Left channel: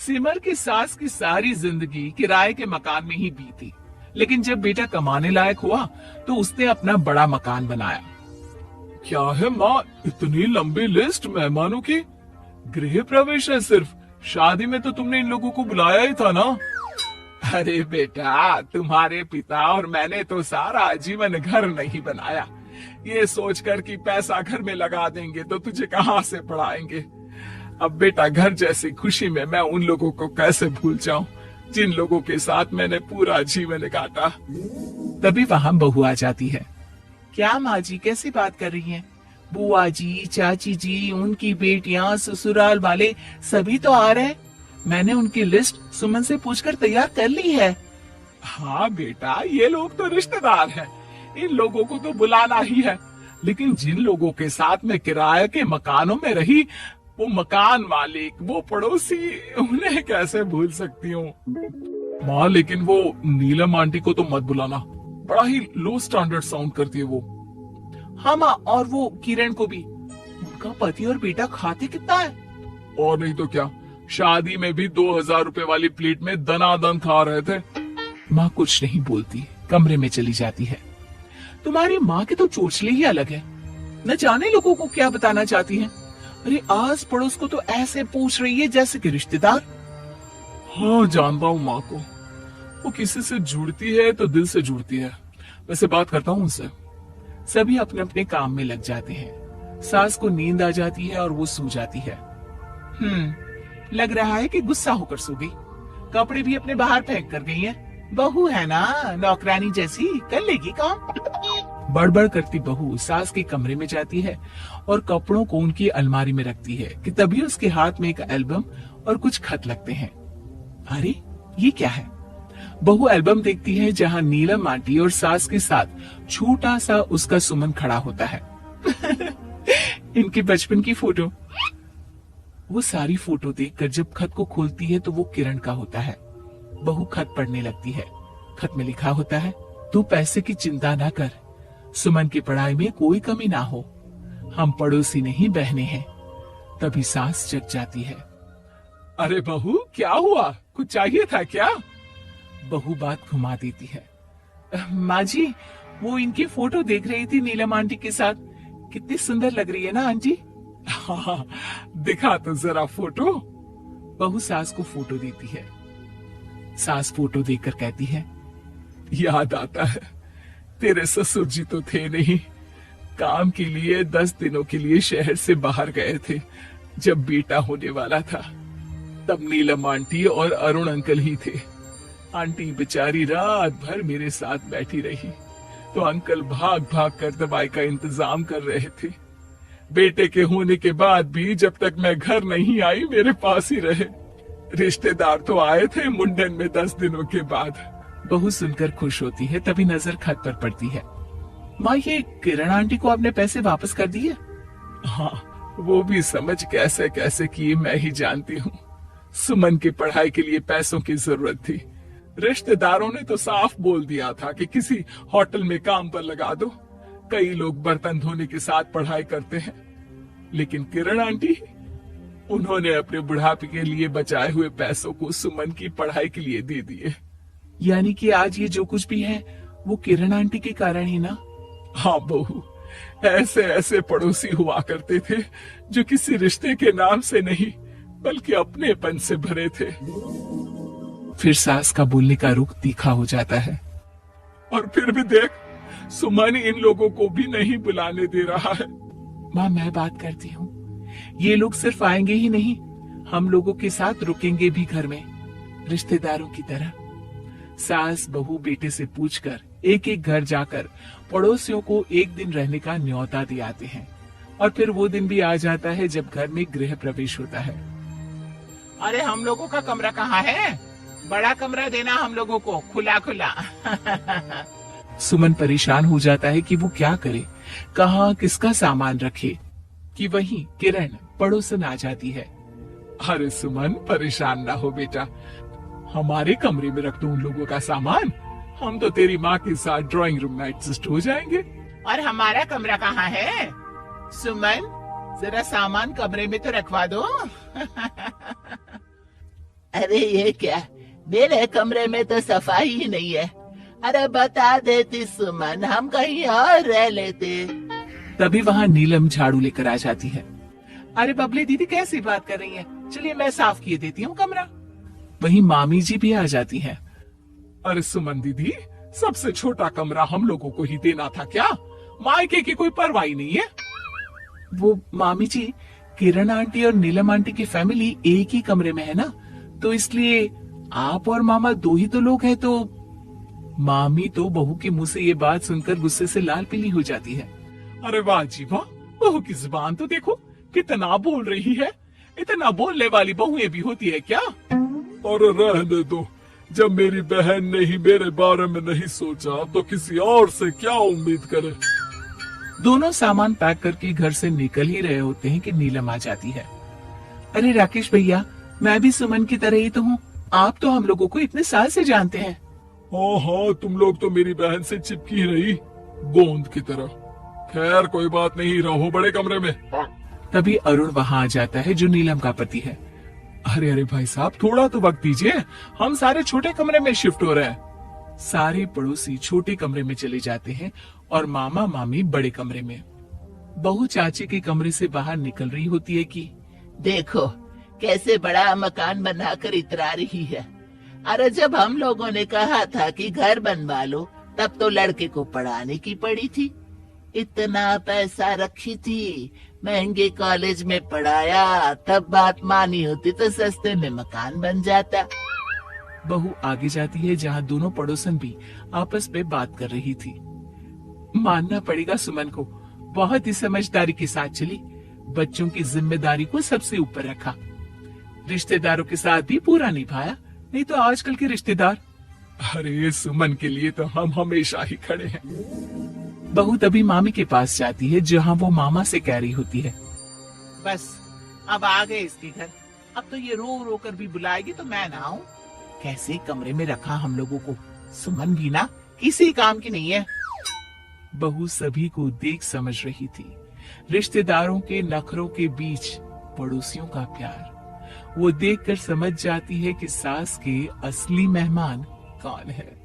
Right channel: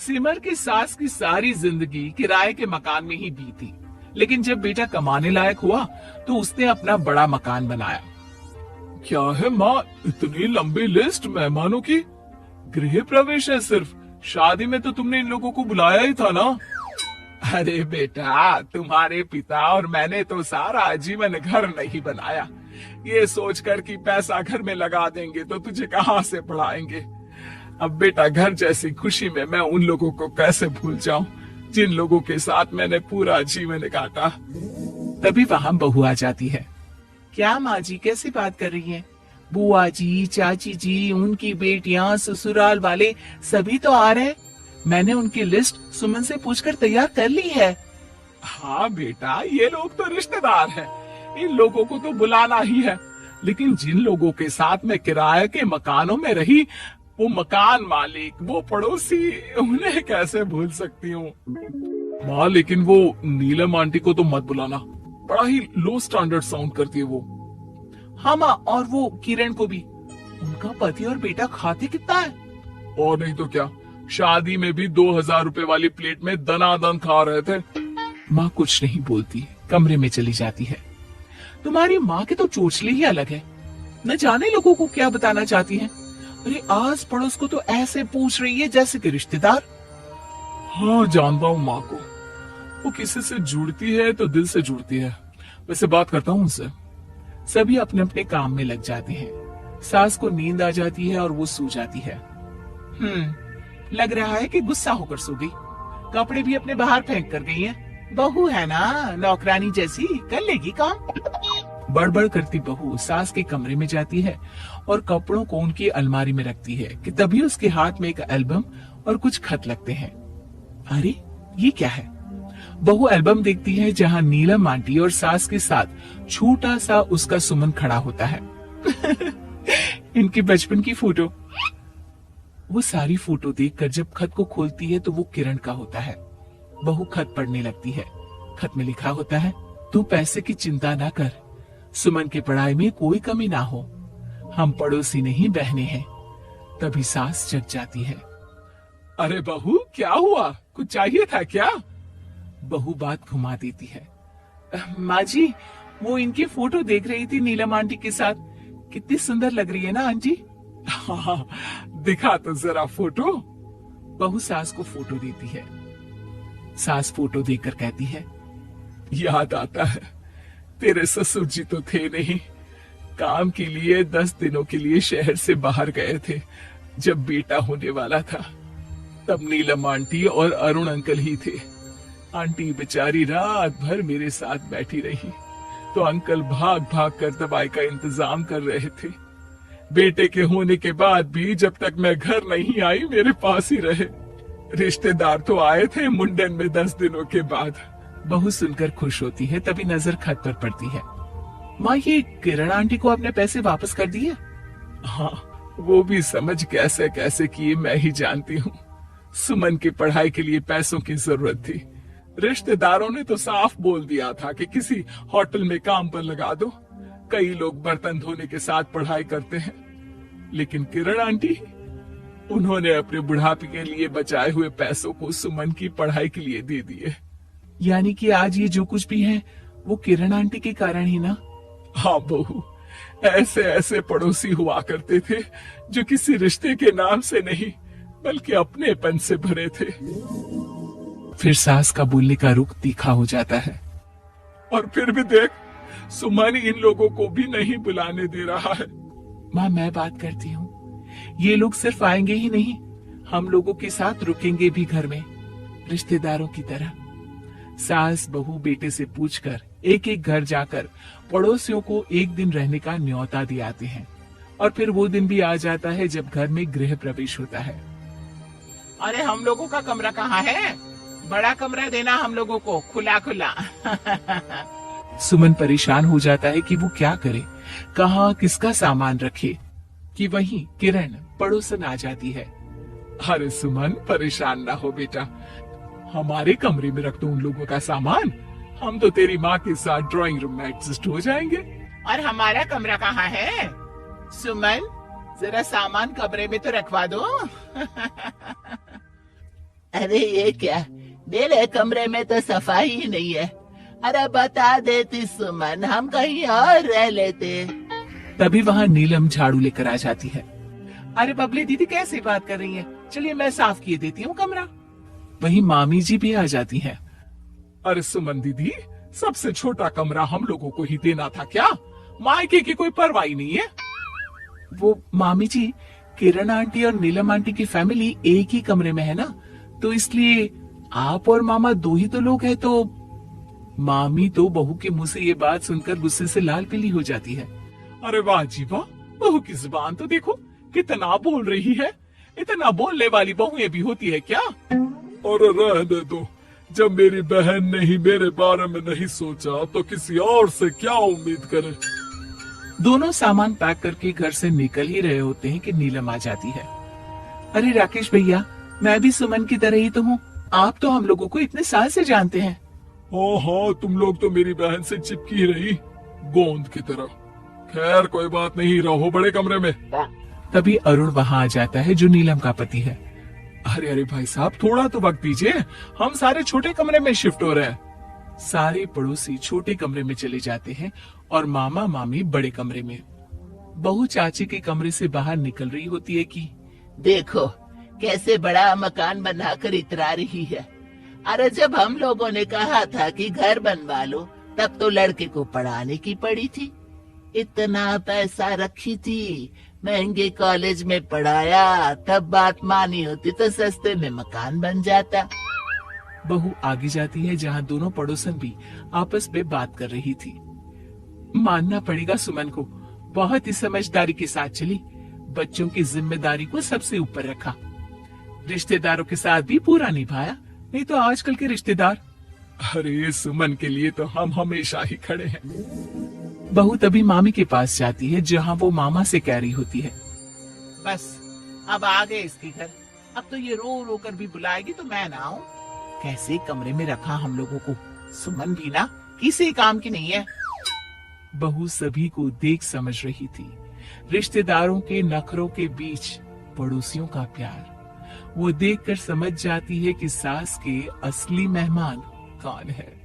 सिमर की सास की सारी जिंदगी किराए के मकान में ही बीती, लेकिन जब बेटा कमाने लायक हुआ तो उसने अपना बड़ा मकान बनाया। क्या है माँ, इतनी लंबी लिस्ट मेहमानों की? गृह प्रवेश है सिर्फ, शादी में तो तुमने इन लोगों को बुलाया ही था ना। अरे बेटा, तुम्हारे पिता और मैंने तो सारा आजीवन घर नहीं बनाया, ये सोचकर कि पैसा घर में लगा देंगे तो तुझे कहाँ से पढ़ाएंगे। अब बेटा, घर जैसी खुशी में मैं उन लोगों को कैसे भूल जाऊं जिन लोगों के साथ मैंने पूरा जीवन काटा। तभी वहां बहू आ जाती है। क्या माँ जी, कैसी बात कर रही हैं? बुआ जी, चाची जी, उनकी बेटियां, ससुराल वाले सभी तो आ रहे हैं। मैंने उनकी लिस्ट सुमन से पूछकर तैयार कर ली है। हाँ बेटा, ये लोग तो रिश्तेदार हैं, इन लोगों को तो बुलाना ही है, लेकिन जिन लोगों के साथ मैं किराए के मकानों में रही, वो मकान मालिक, वो पड़ोसी, उन्हें कैसे भूल सकती हूँ। माँ, लेकिन वो नीलम आंटी को तो मत बुलाना, बड़ा ही लो स्टैंडर्ड साउंड करती है वो। हाँ माँ, और वो किरण को भी। उनका पति और बेटा खाते कितना है। और नहीं तो क्या, शादी में भी 2000 रुपए वाली प्लेट में दनादन खा रहे थे। माँ कुछ नहीं बोलती, कमरे में चली जाती है। तुम्हारी माँ के तो चोचले ही अलग है, न जाने लोगों को क्या बताना चाहती हैं। अरे आस पड़ोस को तो ऐसे पूछ रही है जैसे कि रिश्तेदार। हाँ, जानता हूँ माँ को, वो किसी से जुड़ती है तो दिल से जुड़ती है। वैसे बात करता हूँ उनसे। सभी अपने अपने काम में लग जाते हैं। सास को नींद आ जाती है और वो सो जाती है। लग रहा है कि गुस्सा होकर सो गई। कपड़े भी अपने बाहर फेंक कर गई है। बहू है ना, नौकरानी जैसी, कर लेगी काम। बड़बड़ करती बहू सास के कमरे में जाती है और कपड़ों को उनकी अलमारी में रखती है कि तभी उसके हाथ में एक एल्बम और कुछ खत लगते हैं। अरे ये क्या है? बहू एल्बम देखती है जहाँ नीलम आंटी और सास के साथ छोटा सा उसका सुमन खड़ा होता है। इनकी बचपन की फोटो। वो सारी फोटो देखकर जब खत को खोलती है तो वो किरण का होता है। बहू खत पढ़ने लगती है। खत में लिखा होता है, तू पैसे की चिंता ना कर, सुमन की पढ़ाई में कोई कमी ना हो, हम पड़ोसी नहीं बहने हैं। तभी सास जग जाती है। अरे बहू, क्या हुआ? कुछ चाहिए था क्या? बहू बात घुमा देती है। माँ जी, वो इनकी फोटो देख रही थी नीलम आंटी के साथ। कितनी सुंदर लग रही है ना आंटी? हाँ, दिखा तो जरा फोटो। बहू सास को फोटो देती है। सास फोटो देखकर कहती है, याद आता है, तेरे ससुर जी तो थे नहीं, काम के लिए 10 दिनों के लिए शहर से बाहर गए थे। जब बेटा होने वाला था तब नीलम आंटी और अरुण अंकल ही थे। आंटी बेचारी रात भर मेरे साथ बैठी रही तो अंकल भाग भाग कर दवाई का इंतजाम कर रहे थे। बेटे के होने के बाद भी जब तक मैं घर नहीं आई मेरे पास ही रहे। रिश्तेदार तो आए थे मुंडन में 10 दिनों के बाद। बहू सुनकर खुश होती है, तभी नजर खत पर पड़ती है। माँ, ये किरण आंटी को आपने पैसे वापस कर दिए? हाँ, वो भी समझ कैसे कैसे किए मैं ही जानती हूँ। सुमन की पढ़ाई के लिए पैसों की जरूरत थी। रिश्तेदारों ने तो साफ बोल दिया था कि किसी होटल में काम पर लगा दो। कई लोग बर्तन धोने के साथ पढ़ाई करते हैं, लेकिन किरण आंटी, उन्होंने अपने बुढ़ापे के लिए बचाए हुए पैसों को सुमन की पढ़ाई के लिए दे दिए। यानी कि आज ये जो कुछ भी है वो किरण आंटी के कारण ही ना? हाँ बहू, ऐसे ऐसे पड़ोसी हुआ करते थे जो किसी रिश्ते के नाम से नहीं बल्कि अपनेपन से भरे थे। फिर सास का बोलने का रुख तीखा हो जाता है। और फिर भी देख, सुमन इन लोगों को भी नहीं बुलाने दे रहा है। माँ, मैं बात करती हूँ, ये लोग सिर्फ आएंगे ही नहीं, हम लोगों के साथ रुकेंगे भी घर में, रिश्तेदारों की तरह। सास बहू बेटे से पूछकर एक एक घर जाकर पड़ोसियों को एक दिन रहने का न्योता दे आते हैं। और फिर वो दिन भी आ जाता है जब घर में गृह प्रवेश होता है। अरे हम लोगों का कमरा कहाँ है? बड़ा कमरा देना हम लोगों को, खुला खुला। सुमन परेशान हो जाता है कि वो क्या करे, कहाँ किसका सामान रखे, कि वहीं किरण पड़ोसन आ जाती है। अरे सुमन, परेशान ना हो बेटा, हमारे कमरे में रख दो उन लोगों का सामान, हम तो तेरी माँ के साथ ड्राइंग रूम में एडजस्ट हो जाएंगे। और हमारा कमरा कहाँ है? सुमन, जरा सामान कमरे में तो रखवा दो। अरे ये क्या, मेरे कमरे में तो सफाई ही नहीं है। अरे बता देती सुमन, हम कहीं और रह लेते। तभी वहाँ नीलम झाड़ू लेकर आ जाती है। अरे बबली दीदी कैसी बात कर रही हैं? चलिए मैं साफ किए देती हूँ कमरा। वहीं मामी जी भी आ जाती हैं। अरे सुमन दीदी, सबसे छोटा कमरा हम लोगों को ही देना था क्या? मायके की कोई परवाह नहीं है। वो मामी जी, किरण आंटी और नीलम आंटी की फैमिली एक ही कमरे में है ना, तो इसलिए आप और मामा दो ही तो लोग हैं। तो मामी तो बहू के मुंह से ये बात सुनकर गुस्से से लाल पीली हो जाती है। अरे वाह जी वाह, बहू की जुबान तो देखो कितना बोल रही है। इतना बोलने वाली बहुएं भी होती है क्या? अरे रहने दो, जब मेरी बहन ने ही मेरे बारे में नहीं सोचा तो किसी और से क्या उम्मीद करे। दोनों सामान पैक करके घर से निकल ही रहे होते हैं कि नीलम आ जाती है। अरे राकेश भैया, मैं भी सुमन की तरह ही तो हूँ। आप तो हम लोगों को इतने साल से जानते हैं। हाँ, तुम लोग तो मेरी बहन से चिपकी रही गोंद की तरह। खैर कोई बात नहीं, रहो बड़े कमरे में। तभी अरुण वहाँ आ जाता है, जो नीलम का पति है। अरे अरे भाई साहब, थोड़ा तो वक्त दीजिए, हम सारे छोटे कमरे में शिफ्ट हो रहे हैं। सारे पड़ोसी छोटे कमरे में चले जाते हैं और मामा मामी बड़े कमरे में। बहू चाची के कमरे से बाहर निकल रही होती है कि देखो कैसे बड़ा मकान बनाकर इतरा रही है। अरे जब हम लोगों ने कहा था कि घर बनवा लो, तब तो लड़के को पढ़ाने की पड़ी थी। इतना पैसा रखी थी, महंगे कॉलेज में पढ़ाया, तब बात मानी होती तो सस्ते में मकान बन जाता। बहू आगे जाती है, जहाँ दोनों पड़ोसन भी आपस में बात कर रही थी। मानना पड़ेगा सुमन को, बहुत ही समझदारी के साथ चली। बच्चों की जिम्मेदारी को सबसे ऊपर रखा, रिश्तेदारों के साथ भी पूरा निभाया। नहीं तो आजकल के रिश्तेदार। अरे सुमन के लिए तो हम हमेशा ही खड़े हैं। बहू तभी मामी के पास जाती है, जहाँ वो मामा से कह रही होती है, बस अब आ गए इसके घर। अब तो ये रो रो कर भी बुलाएगी तो मैं ना आऊं। कैसे कमरे में रखा हम लोगों को। सुमन भी ना किसी काम की नहीं है। बहू सभी को देख समझ रही थी। रिश्तेदारों के नखरों के बीच पड़ोसियों का प्यार। वो देखकर समझ जाती है कि सास के असली मेहमान कौन है।